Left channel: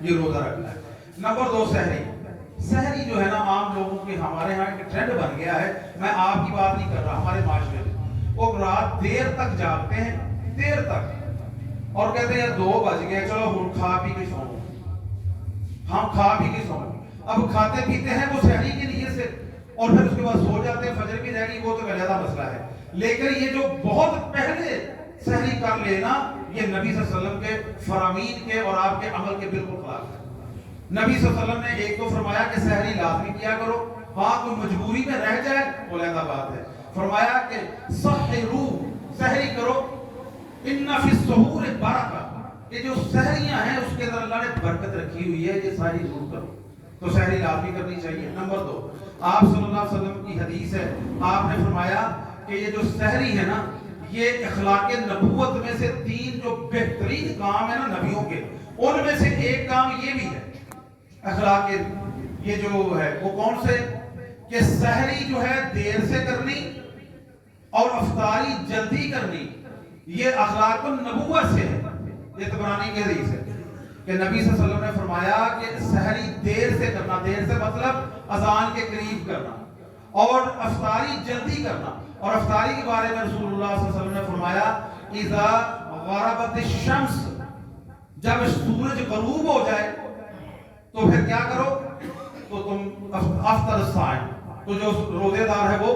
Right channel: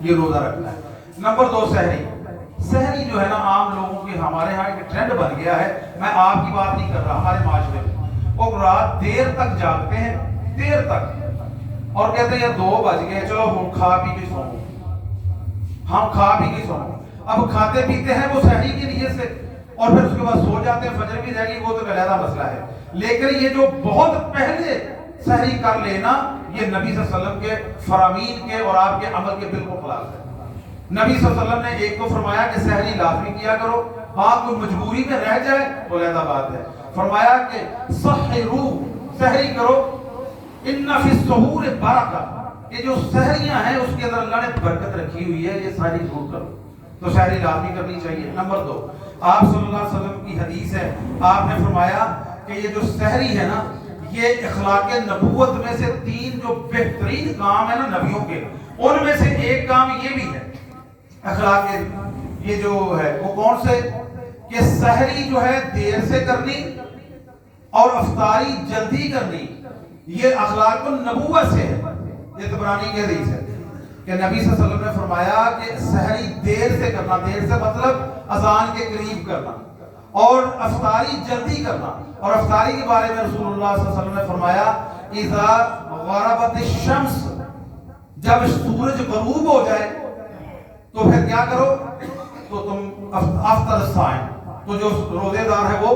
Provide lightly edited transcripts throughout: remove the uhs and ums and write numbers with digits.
یہ روزہ رکھنا ہے۔ نمبر 2 سحری جو ہے نا عام لوگوں کے ہمارے ہاں ایک ٹرینڈ بن گیا ہے، میں آپ کی بات نہیں کر رہا، ہمارے معاشرے میں وہ رات دیر تک جاگتے ہیں، دیر تک، اور کہتے ہیں یار 2 بج گئے چلو ہم کھا پی کے سوؤں، ہم کھا پی کے سوؤں۔ اب کھاتے پیتے ہیں وہ سحری کی نیت سے اور پھر اس کے بعد سو جاتے ہیں، فجر بھی رہ گئی، وہ تو علیحدہ مسئلہ ہے۔ لیکن یہ جو بہت پہلے سحری کر لینا، یہ نبی صلی اللہ علیہ وسلم کے فرامین کے اور آپ کے عمل کے بالکل خلاف ہے۔ نبی صلی اللہ علیہ وسلم نے ایک تو فرمایا کہ سحری لازمی کیا کرو، ہاں کوئی مجبوری میں رہ جائے تو علیحدہ بات ہے۔ فرمایا کہ سحرو، سحری کرو، ان فی السحور برکہ، کہ جو سحریاں ہیں اس کے اندر اللہ نے برکت رکھی ہوئی ہے، یہ ساری ضرور کرو۔ تو سحری لازمی کرنی چاہیے۔ نمبر 2 آپ صلی اللہ علیہ وسلم کی حدیث ہے، آپ نے فرمایا کہ یہ جو سحری ہے نا، یہ اخلاق نبوت میں سے 3 جو بہترین کام ہے نا نبیوں کے، ان میں سے ایک کام یہ بھی ہے اخلاق یہ جو ہے وہ کون سے، کہ سحری جو ہے دیر سے کرنی اور افطاری جلدی کرنی، یہ اخلاق النبوت سے ہے۔ یہ طبرانی کی حدیث ہے کہ نبی صلی اللہ علیہ وسلم نے فرمایا کہ سحری دیر سے کرنا، دیر سے مطلب اذان کے قریب کرنا، اور افطاری جلدی کرنا۔ اور افطاری کے بارے میں رسول اللہ صلی اللہ علیہ وسلم نے فرمایا اذا غربت الشمس، جب سورج غروب ہو جائے تو پھر کیا کرو، تو تم افطر الصائم، تو جو روزے دار ہے وہ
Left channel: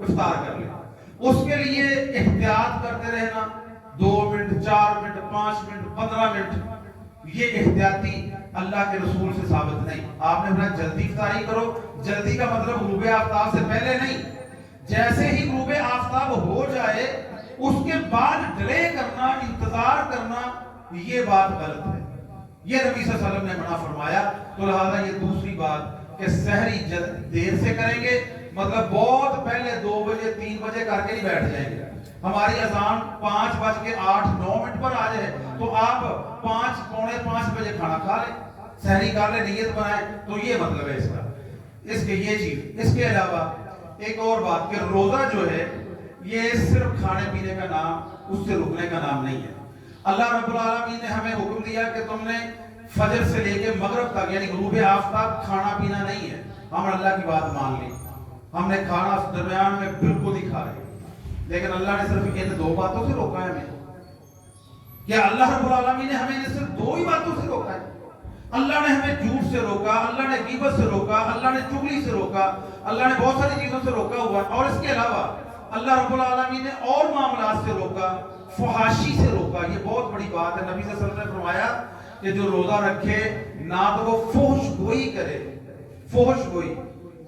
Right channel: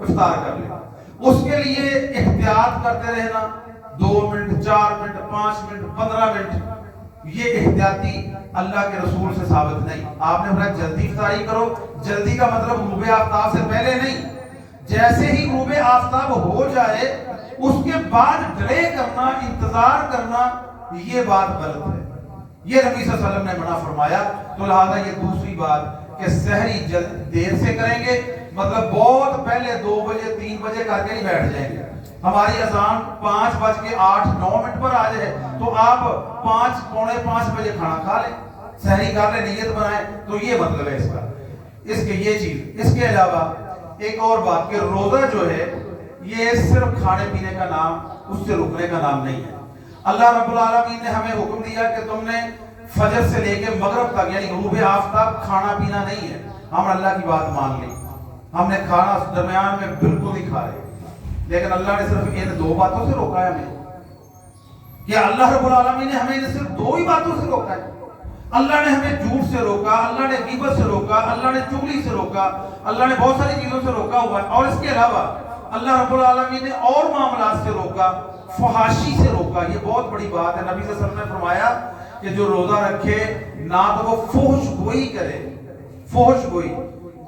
افطار کر لے۔ اس کے لیے احتیاط کرتے رہنا، 2 منٹ 4 منٹ 5 منٹ 15 منٹ، یہ احتیاطی اللہ کے رسول سے ثابت نہیں۔ آپ نے فرمایا جلدی افطاری کرو، جلدی کا مطلب غروب آفتاب سے پہلے نہیں، جیسے ہی غروب آفتاب ہو جائے اس کے بعد ڈیلے کرنا، انتظار کرنا، یہ بات غلط ہے، یہ نبی صلی اللہ علیہ وسلم نے منع فرمایا۔ تو لہذا یہ دوسری بات کہ سحری دیر سے کریں گے، مطلب بہت پہلے 2 بجے 3 بجے کر کے ہی بیٹھ جائیں گے، ہماری اذان 5:08-9 پر آ جائے تو آپ 5:45 بجے کھانا کھا لیں، سحری کر لیں، نیت بنائیں، تو یہ مطلب ہے اس کا، اس کے یہ چیز۔ اس کے علاوہ ایک اور بات کہ روزہ جو ہے یہ صرف کھانے پینے کا نام، اس سے رکنے کا نام نہیں ہے۔ اللہ رب العالمین نے ہمیں حکم دیا کہ تم نے فجر سے لے کے مغرب تک یعنی غروب آفتاب کھانا پینا نہیں ہے۔ ہم اللہ کی بات مان لی، ہم نے کھانا درمیان میں بالکل ہی کھا رہے، لیکن اللہ نے صرف ان 2 باتوں سے روکا ہے ہمیں، کہ اللہ رب العالمین نے ہمیں صرف 2 ہی باتوں سے روکا ہے۔ اللہ نے ہمیں جھوٹ سے روکا، اللہ نے غیبت سے روکا، اللہ نے چغلی سے روکا، اللہ نے بہت ساری چیزوں سے روکا ہوا ہے، اور اس کے علاوہ اللہ رب العالمین نے اور معاملات سے روکا، فحاشی سے روکا۔ یہ بہت بڑی بات ہے۔ نبی صلی اللہ علیہ وسلم نے فرمایا کہ جو روزہ رکھے نہ تو وہ فحش گوئی کرے، فحش گوئی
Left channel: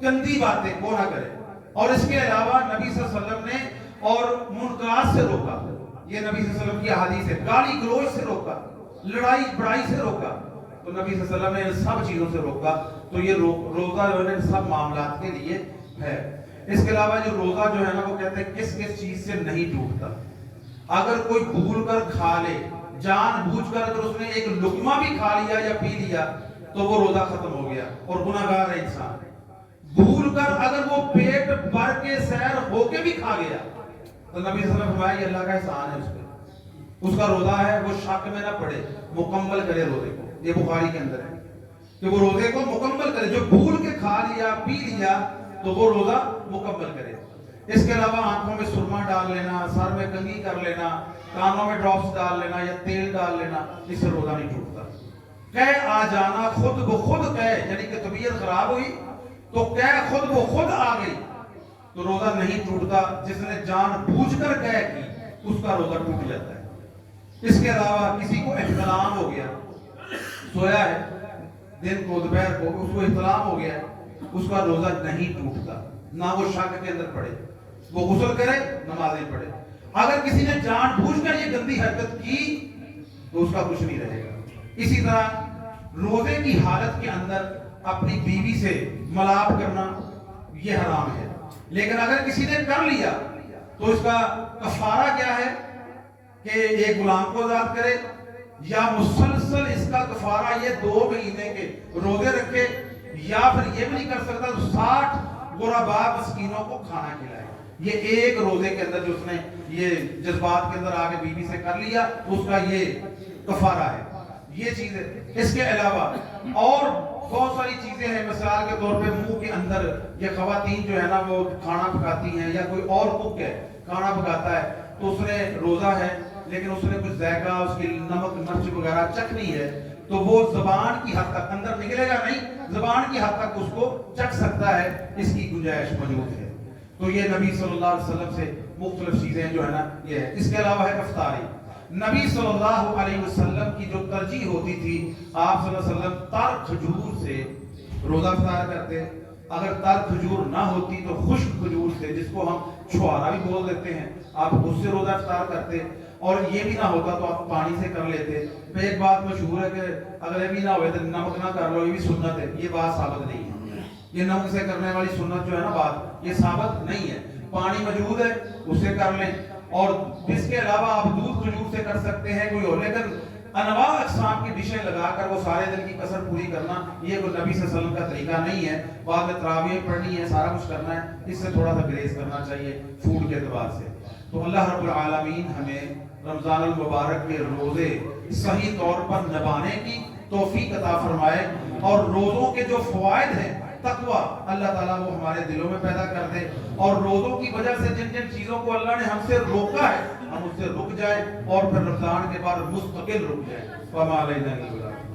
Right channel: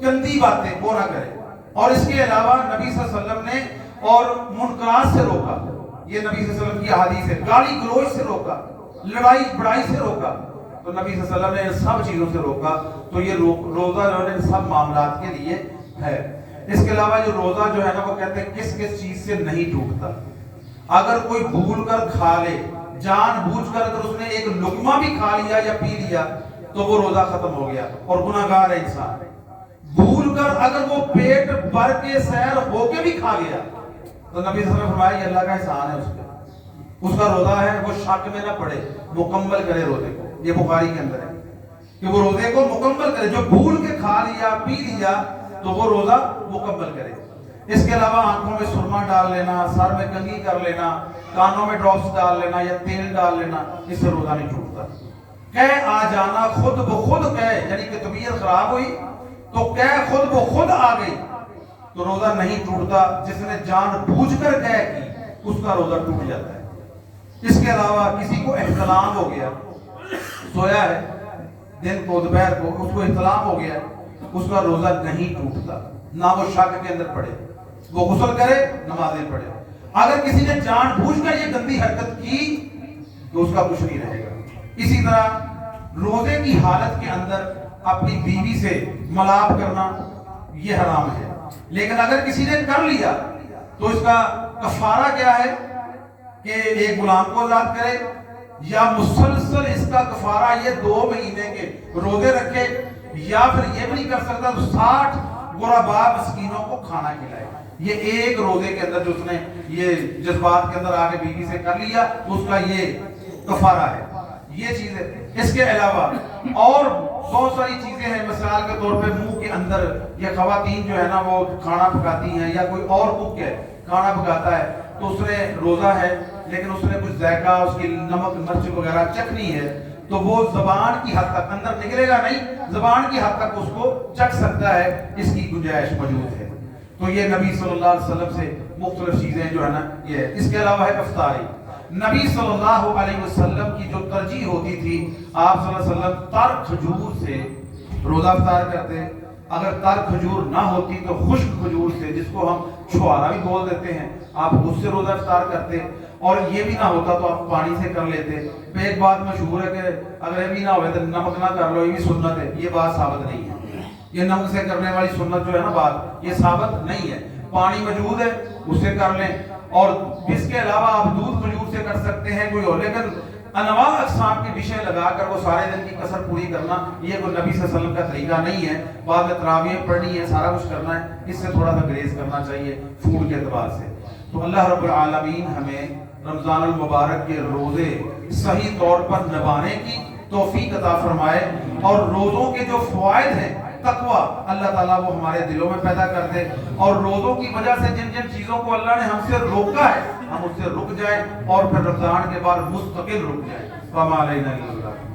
گندی باتیں وہ نہ کرے، اور اس کے علاوہ نبی صلی اللہ علیہ وسلم نے اور منکرات سے روکا، یہ نبی صلی اللہ علیہ وسلم کی احادیث ہے، گالی گلوچ سے روکا، لڑائی بڑائی سے روکا، تو نبی صلی اللہ علیہ وسلم نے سب چیزوں سے روکا۔ تو یہ روزہ جو ہے سب معاملات کے لیے ہے۔ اس کے علاوہ جو روزہ جو ہے نا وہ کہتے ہیں کس کس چیز سے نہیں ٹوٹتا۔ اگر کوئی بھول کر کھا لے، جان بوجھ کر اگر اس نے ایک لقمہ بھی کھا لیا یا پی لیا تو وہ روزہ ختم ہو گیا اور گناہگار ہے انسان۔ بھول کر اگر وہ پیٹ بھر کے سیر ہو کے بھی کھا گیا تو نبی صلی اللہ علیہ وسلم نے فرمایا یہ اللہ کا احسان ہے، اس کا روزہ ہے وہ شک میں نہ پڑے، مکمل کرے روزے کو۔ یہ بخاری کے اندر ہے کہ وہ روزے کو مکمل کرے، جو بھول کے کھا لیا پی لیا تو وہ روزہ مکمل کرے۔ اس کے علاوہ آنکھوں میں سرما ڈال لینا، سر میں کنگھی کر لینا، کانوں میں ڈراپس ڈال لینا یا تیل ڈال لینا، اس سے روزہ نہیں ٹوٹتا۔ کہہ آ جانا خود بخود کہہ، یعنی کہ طبیعت خراب ہوئی تو کہہ خود بخود آ گئی تو روزہ نہیں ٹوٹتا۔ جس نے جان بوجھ کر کہہ کی اس کا روزہ ٹوٹ جاتا ہے۔ اس کے علاوہ کسی کو احتلام ہو گیا، سویا ہے دن کو دوپہر کو، اس کو احتلام ہو گیا ہے، اس کا روزہ نہیں ٹوٹتا، نہ وہ شک کے اندر پڑے، وہ غسل کرے نمازیں پڑھے۔ اگر کسی نے جان بوجھ کر یہ گندی حرکت کی تو اس کا کچھ نہیں رہے گا۔ اسی طرح روزے کی حالت کے اندر اپنی بیوی سے ملاپ کرنا یہ حرام ہے، لیکن اگر کسی نے کر لیا تو اس کا کفارہ کیا ہے کہ ایک غلام کو آزاد کرے، یا مسلسل اس کا کفارہ یہ 2 مہینے کے روزے رکھے، یا پھر یہ بھی نہیں کر سکتا تو 60 غرباء مسکینوں کو کھانا کھلائے۔ یہ ایک روزے کے اندر جو اس نے یہ جذبات کے اندر آگے بیوی سے کر لیا اس کا یہ کفارہ ہے۔ یہ چیز ہے اس کے علاوہ اور بہت ساری چیزیں ہیں، مثال کے طور پہ منہ کے اندر، یا خواتین جو ہے نا وہ کھانا پکاتی ہیں، یا کوئی اور کوک ہے کھانا پکاتا ہے تو اس نے روزہ ہے لیکن اس نے کچھ ذائقہ، اس کی نمک مرچ وغیرہ چکھنی ہے، تو وہ زبان کی حد تک، اندر نکلے گا نہیں، زبان کی حد تک اس کو چکھ سکتا ہے، اس کی گنجائش موجود ہے۔ تو یہ نبی صلی اللہ علیہ وسلم سے مختلف چیزیں جو ہے نا یہ ہے۔ اس کے علاوہ ہے افطاری۔ نبی صلی اللہ علیہ وسلم کی جو ترجیح ہوتی تھی، آپ صلی اللہ علیہ وسلم تر کھجور سے روزہ افطار کرتے، اگر تر کھجور نہ ہوتی تو خشک کھجور سے، جس کو ہم چھوارا بھی بول دیتے ہیں، آپ اس سے روزہ افطار کرتے، اور یہ بھی نہ ہوتا تو آپ پانی سے کر لیتے۔ پھر ایک بات مشہور ہے کہ اگر یہ بھی نہ ہوئے تو نمک نہ کر لو، یہ بھی سنت ہے، یہ بات ثابت نہیں ہے۔ یہ نمک سے کرنے والی سنت جو ہے نا بات، یہ ثابت نہیں ہے۔ پانی موجود ہے اس سے کر لیں، اور اس کے علاوہ آپ دودھ کھجور سے کر سکتے ہیں کوئی اور، لیکن انواع اقسام کی ڈشیں لگا کر وہ سارے دن کی کسر پوری کرنا، یہ کوئی نبی صلی اللہ علیہ وسلم کا طریقہ نہیں ہے۔ بعد میں تراویح پڑھنی ہے، سارا کچھ کرنا ہے، اس سے تھوڑا سا گریز کرنا چاہیے فوڈ کے اعتبار سے۔ تو اللہ رب العالمین ہمیں رمضان المبارک کے روزے صحیح طور پر نبھانے کی توفیق عطا فرمائے، اور روزوں کے جو فوائد ہیں، تقوی، اللہ تعالیٰ وہ ہمارے دلوں میں پیدا کر دے، اور روزوں کی وجہ سے جن جن چیزوں کو اللہ نے ہم سے روکا ہے ہم اس سے رک جائیں، اور پھر رمضان کے بعد مستقل رک جائیں۔ وما علینا الا البلاغ۔